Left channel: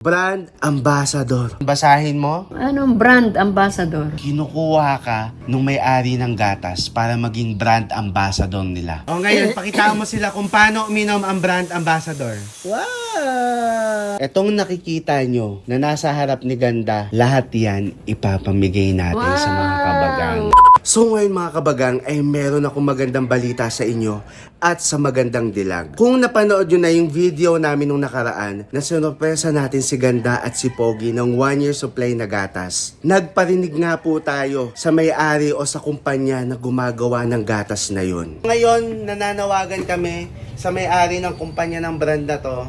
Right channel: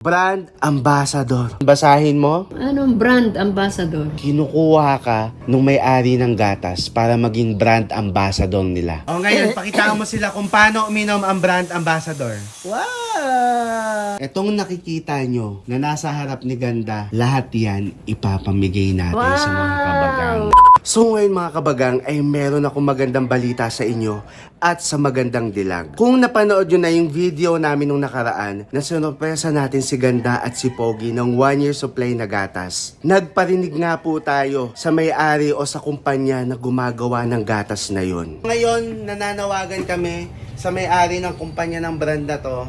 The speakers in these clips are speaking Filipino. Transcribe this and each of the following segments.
Brand Ambassador. Basahin mo? Anong brand ambassador? Kinukuha ka nung may-ari ng gatas para maging brand ambassador nila. O ngayon, pakita mo sila kung paano uminom ang brand ambassador. Wow! Etong nakikita nyo na nasa harap ni Ganda, lahat yan ipapamigay natin sa mga kabagang. So ngayon mga kabagang ay meron akong magandang balita sa inyo at sa magandang dilag. Kung napanood nyo na yung video namin nung nakaraan na sinurpresa natin si Ganda at si Pogi ng 1 year supply na gatas, nagparinig nga po tayo sa may-ari o sa kumpanya na gumagawa ng gatas na yun. Ngayon, nananawagan kami sa may-ari ng kumpanya ng brand na to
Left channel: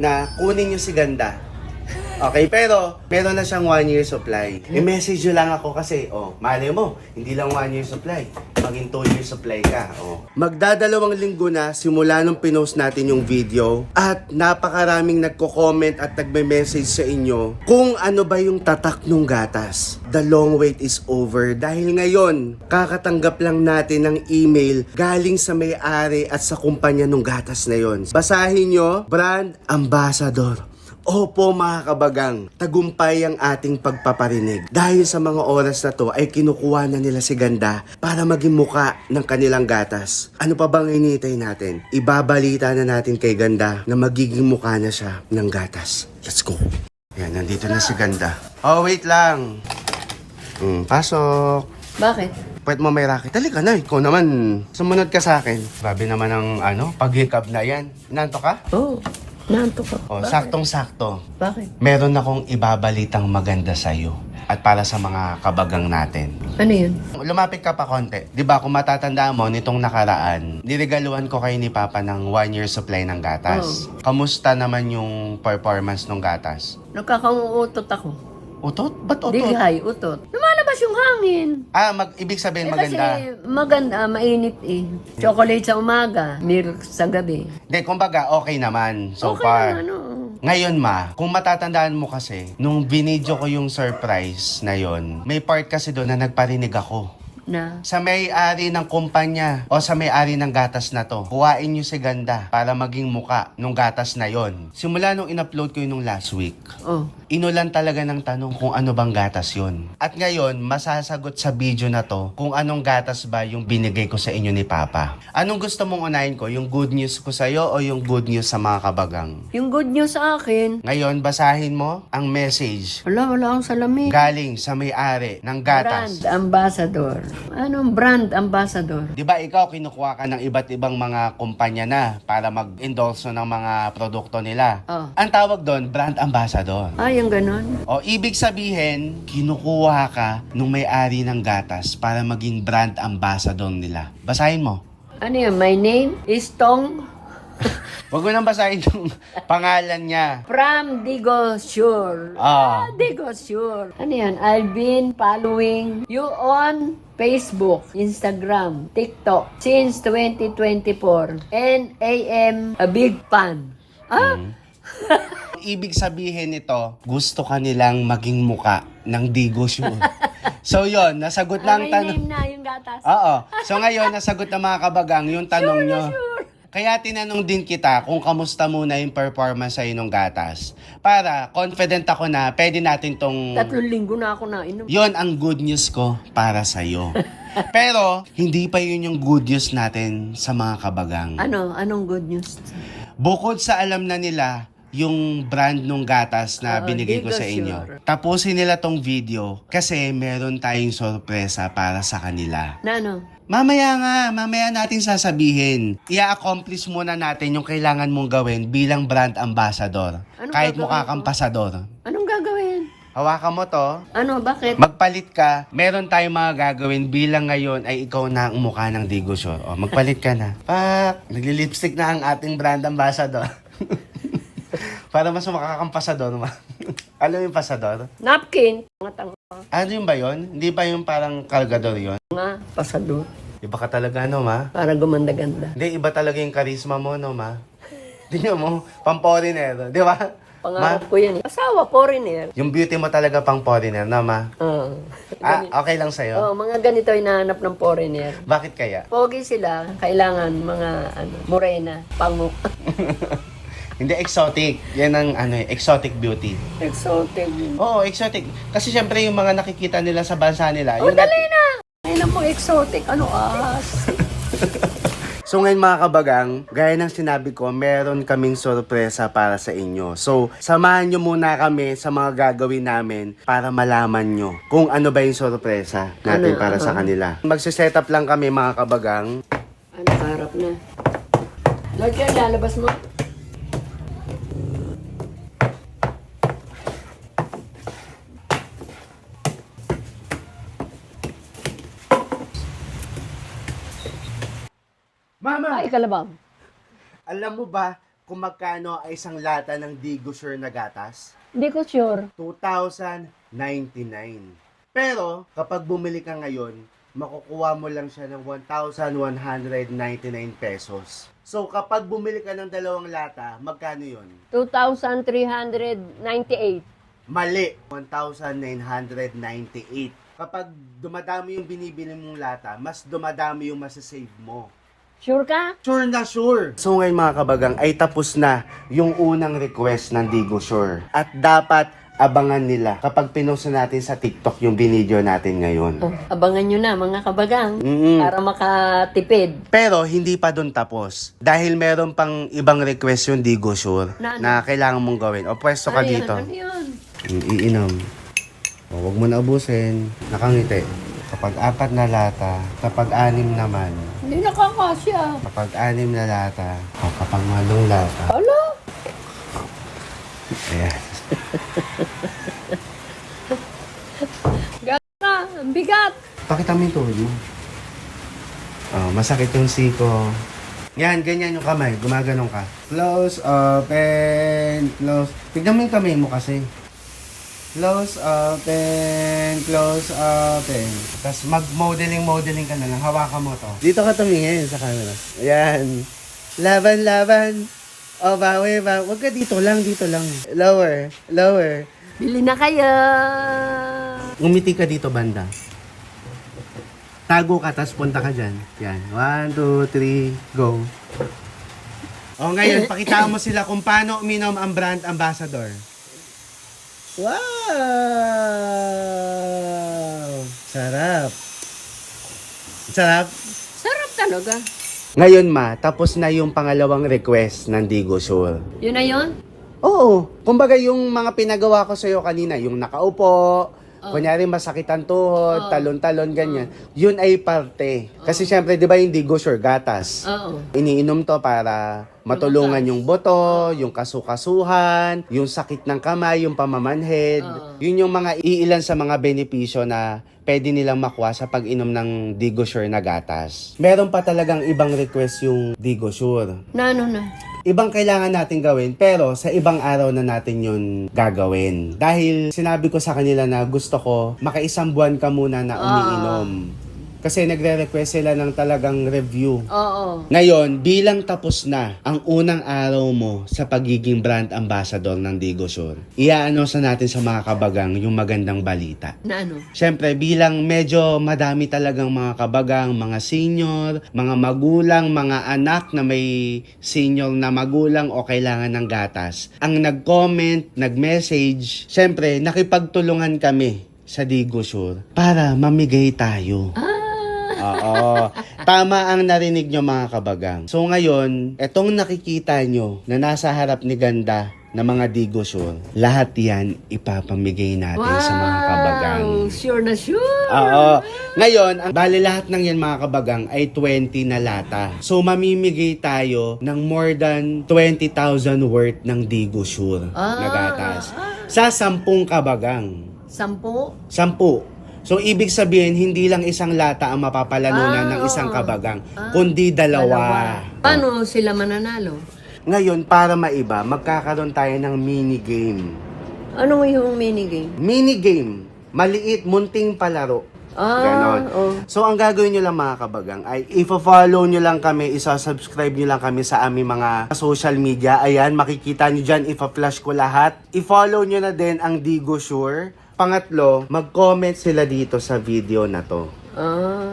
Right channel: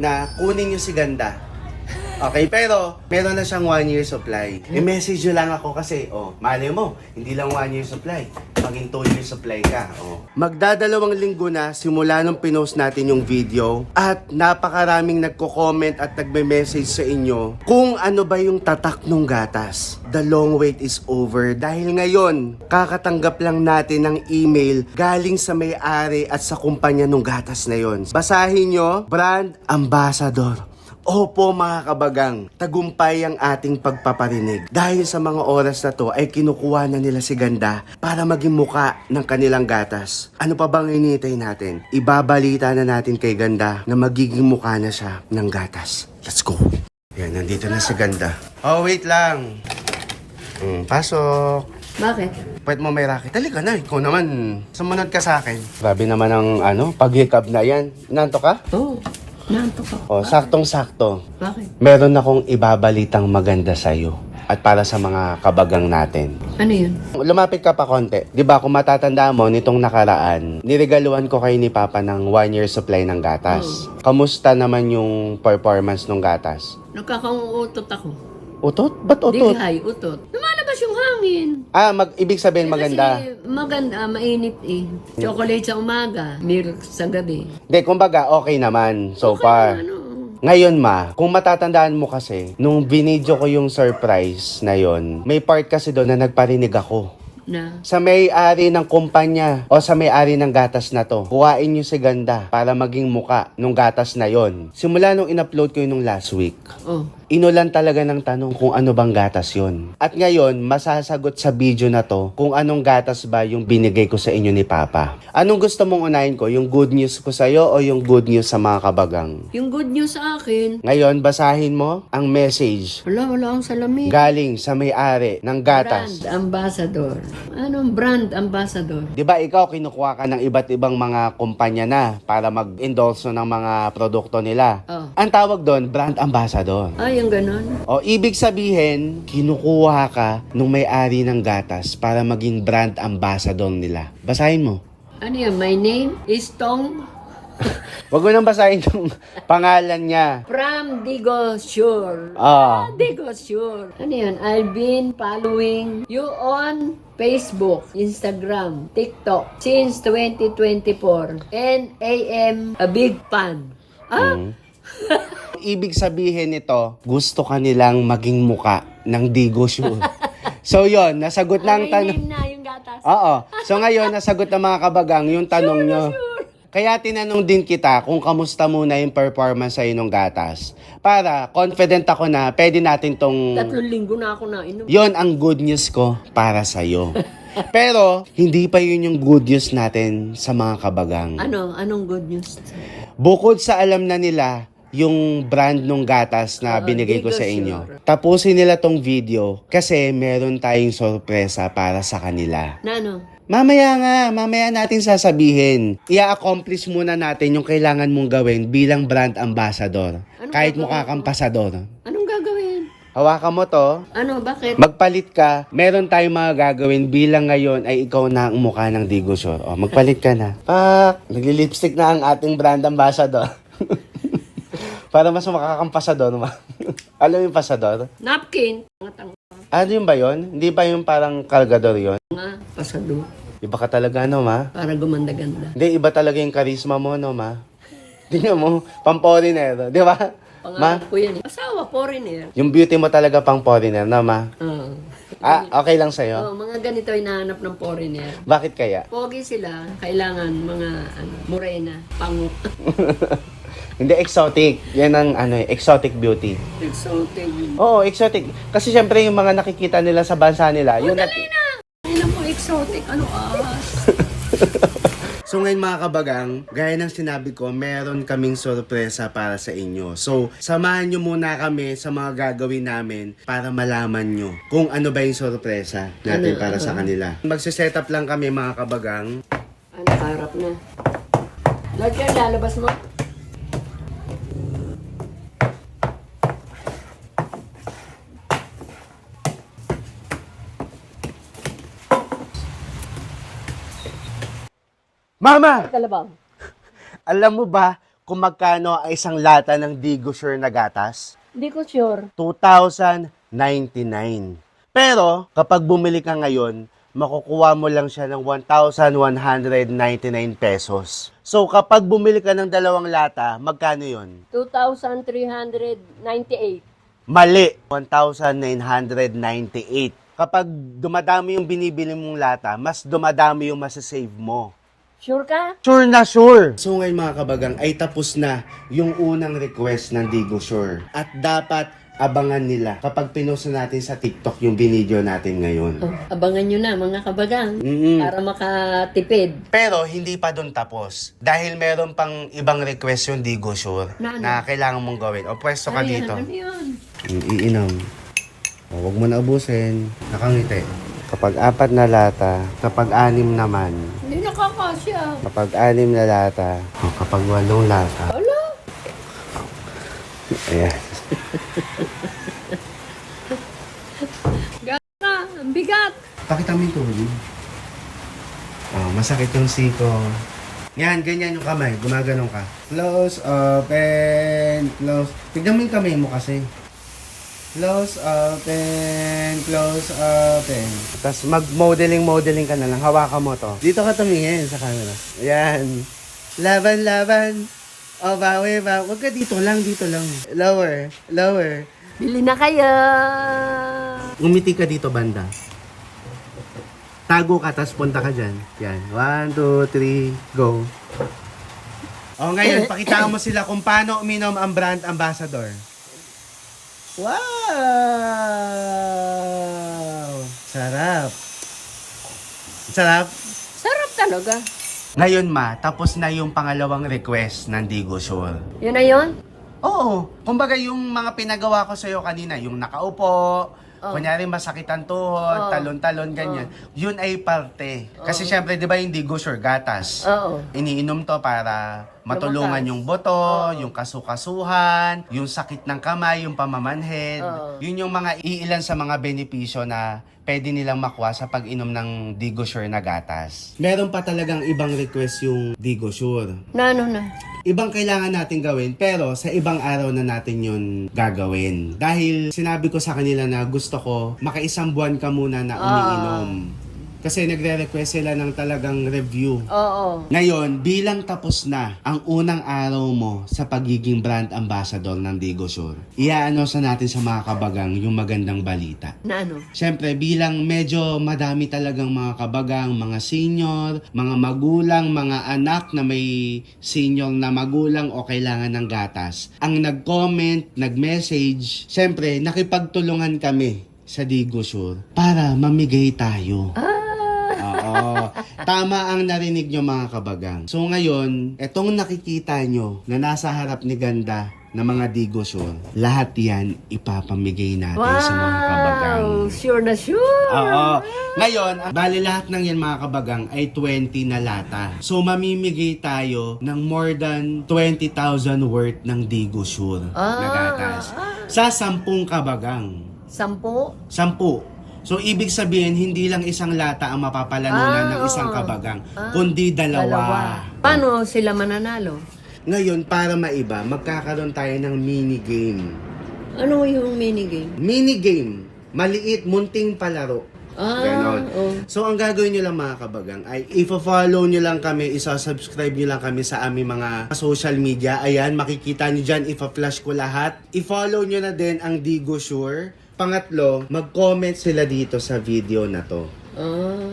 na kunin nyo si Ganda. Okay, pero meron na siyang 1 year supply. I-message nyo lang ako kasi, mali mo, hindi lang 1 year supply. Maging 2 year supply ka, Magdadalawang linggo na simula nung pinost natin yung video at napakaraming nagko-comment at nagme-message sa inyo kung ano ba yung tatak ng gatas. The long wait is over dahil ngayon, kakatanggap lang natin ng email galing sa may-ari at sa kumpanya ng gatas na yon. Basahin nyo, Brand Ambassador. Opo mga kabagang, tagumpay ang ating pagpaparinig. Dahil sa mga oras na to ay kinukuha na nila si Ganda para maging muka ng kanilang gatas. Ano pa bang hinihintay natin? Ibabalita na natin kay Ganda na magiging muka na siya ng gatas. Let's go! Yan, nandito na si Ganda. Oh, wait lang. Pasok. Bakit? Pwede mo may racket. Halika na, ikaw naman. Sumunod ka sa akin. Grabe naman ang paghikab na yan. Nanto ka? Oo. Naantok ako. Saktong-sakto. Bakit? Meron akong ibabalitang maganda sa'yo at para sa mga kabagang natin. Ano yun? Lumapit ka pa konti. Di ba kung matatanda mo, nitong nakaraan, niregaluhan ko kayo ni Papa ng 1 year supply ng gatas. Kamusta naman yung performance ng gatas? Nagkakauutot ako. Utot? Ba't utot? Dighay, utot. Lumalabas yung hangin. Ibig sabihin Kasi maganda. maganda, mainit eh. Chocolate sa umaga, milk sa gabi. Hindi, kumbaga, okay naman so Okay far. naman, oo. Ngayon kung matatandaan mo kasi, nung binidyo ko yung surprise na yon, may part kasi doon na nagparinig ako. Na? Sa may-ari ng kumpanya o sa may-ari ng gatas na to, kuhain nyo si Ganda para maging muka nung gatas na yon. Simula nung in-upload ko yun nung last week, inulan talaga ng tanong kung ano bang gatas yon. At ngayon, masasagot sa video na to kung anong gatas ba yung binigay ko sa inyo ni Papa. Anong gusto mong unahin ko? Yung good news ko sa'yo o yung good news sa mga kabagang? Yung good news sa akin, Ngayon, basahin mo ang message wala akong salamin. galing sa may-ari ng gatas. Brand ambassador. Anong brand ambassador? Di ba ikaw kinukuha ka ng iba't ibang mga kumpanya na para mag-endorse ng mga produkto nila? Ang tawag doon, brand ambassador. Yung ganon. O ibig sabihin, kinukuha ka nung may-ari ng gatas para maging brand ambassador nila. Basahin mo. Ano yan? My name is Tong Huwag mo nang basahin yung pangalan niya. from Digosure. Digosure. Ano yan? I've been following you on Facebook, Instagram, TikTok since 2024 and I am a big fan. Ibig sabihin nito, gusto ka nilang maging muka ng Digosure. So yon, nasagot na ang May tanong. name na yung gatas. Oo. So ngayon, nasagot na mga kabagang yung tanong nyo. Kaya tinanong din kita kung kamusta muna yung performance sa inong gatas. Para confident ako na pwede natin tong... 3 linggo na ako nainom. Yon ang good news ko para sa'yo. Pero, hindi pa yun yung good news natin sa mga kabagang. Anong good news? Bukod sa alam na nila yung brand ng gatas na binigay ko sa inyo. Digosure. Tapusin nila tong video kasi meron tayong sorpresa para sa kanila. Na ano? Mamaya natin sasabihin. I-accomplish muna natin yung kailangan mong gawin bilang brand ambassador. Anong Kahit gagawin mukha kang ko? pasador. Anong gagawin? Hawakan mo to. Ano? Bakit? Magpalit ka. Meron tayong mga gagawin bilang ngayon ay ikaw na ang mukha ng Digosure. Magpalit ka na. Nagli-lipstick na ang ating brand ambassador. Para mas makakampasador ma. Alam mo yung pasador? Napkin. Ano yun ba yun? Hindi ba yung parang kargador yun? Nga, pasado. Iba ka talaga ma. Para gumanda-ganda. Hindi, iba talaga yung charisma mo ma. Tingnan mo, pang-foreigner, di ba? Pangarap ko yan. Asawa, foreigner. Yung beauty mo talaga pang-foreigner ma. Okay lang sa'yo? Mga ganito hinahanap ng foreigner. Bakit kaya? Pogi sila, kailangan mga morena, pango. Hindi exotic. Yan ang exotic beauty. Exotic. Oo, exotic. Kasi syempre yung mga nakikita nila sa bansa nila. Oh, yung dali na! Ay na mo, exotic. Ano as? So ngayon mga kabagang, gaya ng sinabi ko, meron kaming sorpresa para sa inyo. So, samahan nyo muna kami sa mga gagawin namin para malaman nyo kung ano ba yung sorpresa natin para sa kanila. Magsiset up lang kami mga kabagang. Ano, harap na. Lord, yan, lalabas mo. Mama! Ay, kalabaw. Alam mo ba kung magkano ang isang lata ng Digo Sure na gatas? Hindi ko sure. 2,099. Pero, kapag bumili ka ngayon, makukuha mo lang siya ng 1,199 pesos. So, kapag bumili ka ng dalawang lata, magkano yon? 2,398. Mali, 1,998. Kapag dumadami yung binibili mong lata, mas dumadami yung masasave mo. Sure ka? Sure na sure! So ngayon mga kabagang, ay tapos na yung unang request ng Digo Sure. At dapat abangan nila kapag pinost natin sa TikTok yung binidyo natin ngayon. Oh, abangan nyo na mga kabagang Mm-mm. para makatipid. Pero hindi pa dun tapos. Dahil meron pang ibang request yung Digo Sure Na ano? na kailangan mong gawin. O pwesto ka Ano yan? dito. Ano yun? Iinom. O, huwag mo na ubusin. Nakangiti. Kapag 4 na lata, kapag 6 naman, Hindi nakakasya. kapag 6 na lata, o kapag 8 lata. Hala? Ayan. Gata, ang bigat. Pakita mo yung tubig. Oh, masakit yung siko. Yan, ganyan yung kamay. Gumaganong ka. Close, open, close. Tignan mo yung kamay mo kasi. Close, open, close, open. Tapos mag-modeling ka na lang. Hawakan mo to. Dito ka tumingin sa camera. Ayan. Laban, laban. O, bawi, bawi. Huwag ka dito lang, dito lang. Lower, lower. Bili na kayo. Umiti ka dito, banda. Tago ka, tapos punta ka dyan. Yan. 1, 2, 3, go. O, ngayon, pakitaan mo sila kung paano uminom ang brand ambassador. Wow! Sarap. Sarap. Sarap talaga. Ngayon tapos na yung pangalawang request ng Digo Sure. Yun na yun? Oo. Kumbaga yung mga pinagawa ko sa'yo kanina, yung nakaupo, kunyari masakit ang tuhod, talon-talon, ganyan. Yun ay parte. Kasi syempre, di ba yung Digo Sure, gatas. Oo. Iniinom to para matulungan yung buto, yung kasukasuhan, yung sakit ng kamay, yung pamamanhid. Yun yung mga iilan sa mga benepisyo na pwede nilang makuha sa pag-inom ng Digo Sure na gatas. Meron pa talagang ibang request yung Digo Sure. Na ano na? Ibang kailangan natin gawin, pero sa ibang araw na natin yun gagawin. Dahil sinabi ko sa kanila na gusto ko, makaisang buwan ka muna na umiinom. Kasi nagre-request sila ng talagang review. Oo. Ngayon, bilang tapos na ang unang araw mo sa pagiging brand ambassador ng Digo Sure, i-announce na natin sa mga kabagang yung magandang balita. Na ano? Siyempre, bilang medyo madami talagang mga kabagang, mga senior, mga magulang, mga anak na may senior na magulang o kailangan ng gatas, ang nag-comment, nag-message, siyempre, nakipagtulungan kami sa Digo Sure para mamigay tayo. Oo. Tama ang narinig nyo mga kabagang. So ngayon, etong nakikita nyo na nasa harap ni Ganda na mga Digo Sure, lahat yan ipapamigay natin sa mga kabagang. Sure na sure. Oo. Ngayon, bali lahat ng yan mga kabagang ay 20 na lata. So mamimigay tayo ng more than 20,000 worth ng Digo Sure na gatas. Sa 10 kabagang. 10? 10. So, ibig sabihin, hindi lang isang lata ang mapapalanunan ng isang kabagang, kundi dalawa. Paano sila mananalo? Ngayon, para maiba, magkakaroon tayo ng mini-game. Ano yung minigame? Mini-game. Maliit, munting palaro. Ganon. So, ang gagawin nyo lang mga kabagang ay i-follow nyo lang kami, isa-subscribe nyo lang kami sa aming mga social media. Ayan, makikita nyo dyan, ipa-flash ko lahat. I-follow nyo na din ang Digo Sure. Pangatlo, mag-comment sila dito sa video na to.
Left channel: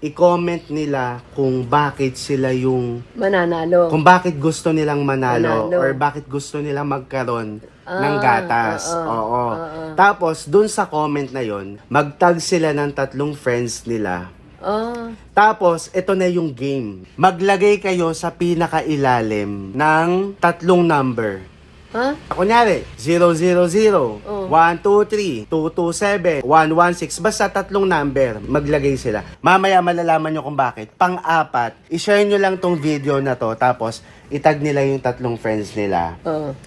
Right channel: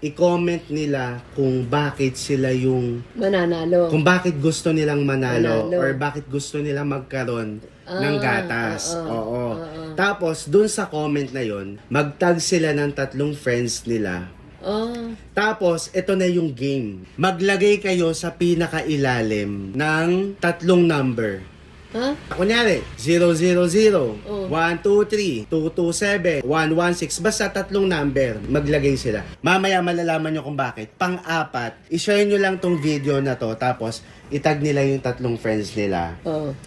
I-comment nila kung bakit sila yung Mananalo. kung bakit gusto nilang manalo, Manalo. or bakit gusto nilang magkaroon ng gatas. Oo. oo. Tapos, dun sa comment na yon, mag-tag sila ng 3 friends nila. Tapos, ito na yung game. Maglagay kayo sa pinakailalim ng 3 number. Kunyari, 000, 123, 227, 116, basta 3 number, maglagay sila. Mamaya malalaman nyo kung bakit. Pang-apat, i-share nyo lang tong video na to, tapos itag nila yung 3 friends nila.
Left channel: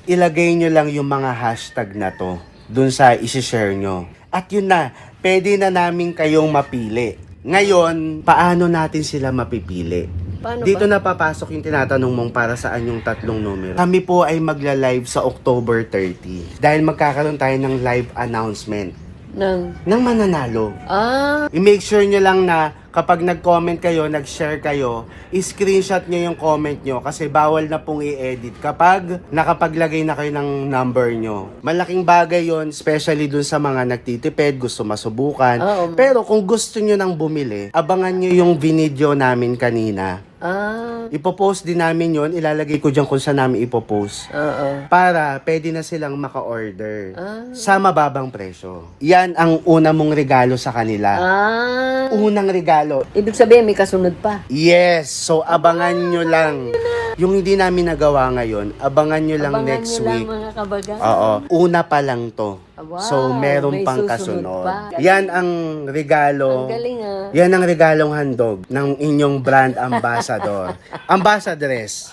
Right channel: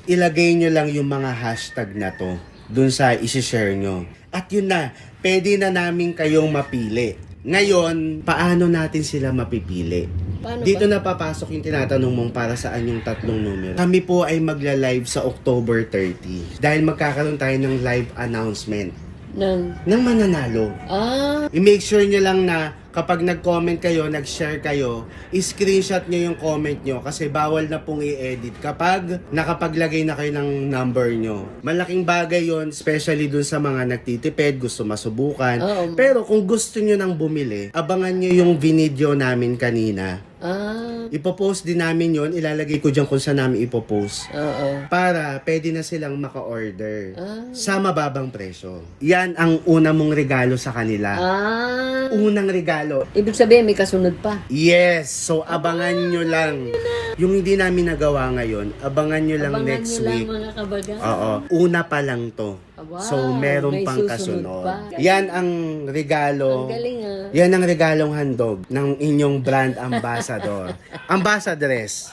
Ilagay nyo lang yung mga hashtag na to dun sa isi-share nyo. At yun na, pwede na namin kayong mapili. Ngayon, paano natin sila mapipili? Paano Dito ba? na papasok yung tinatanong mong para saan yung 3 numero. Kami po ay magla-live sa October 30 dahil magkakaroon tayo ng live announcement ng mananalo. I-make sure nyo lang na kapag nag-comment kayo, nag-share kayo, i-screenshot nyo yung comment nyo kasi bawal na pong i-edit kapag nakapaglagay na kayo ng number nyo. Malaking bagay yon, especially dun sa mga nagtitipid, gusto masubukan. Pero kung gusto nyo nang bumili, abangan nyo yung video namin kanina. Ipopost din namin yon, ilalagay ko dyan kung saan namin ipopost. Para pwede na silang maka-order sa mababang presyo. Yan ang una mong regalo sa kanila. Unang regalo. Ibig sabihin, may kasunod pa. Yes. So, abangan nyo lang. Yung hindi namin nagawa ngayon, abangan nyo lang next week. Mga kabaga. Oo. Una pa lang to. Wow, So, meron may pang susunod kasunod. pa. Yan ang regalo. Ang galing Yan ang regalong handog ng inyong brand ambassador. Ambassadress.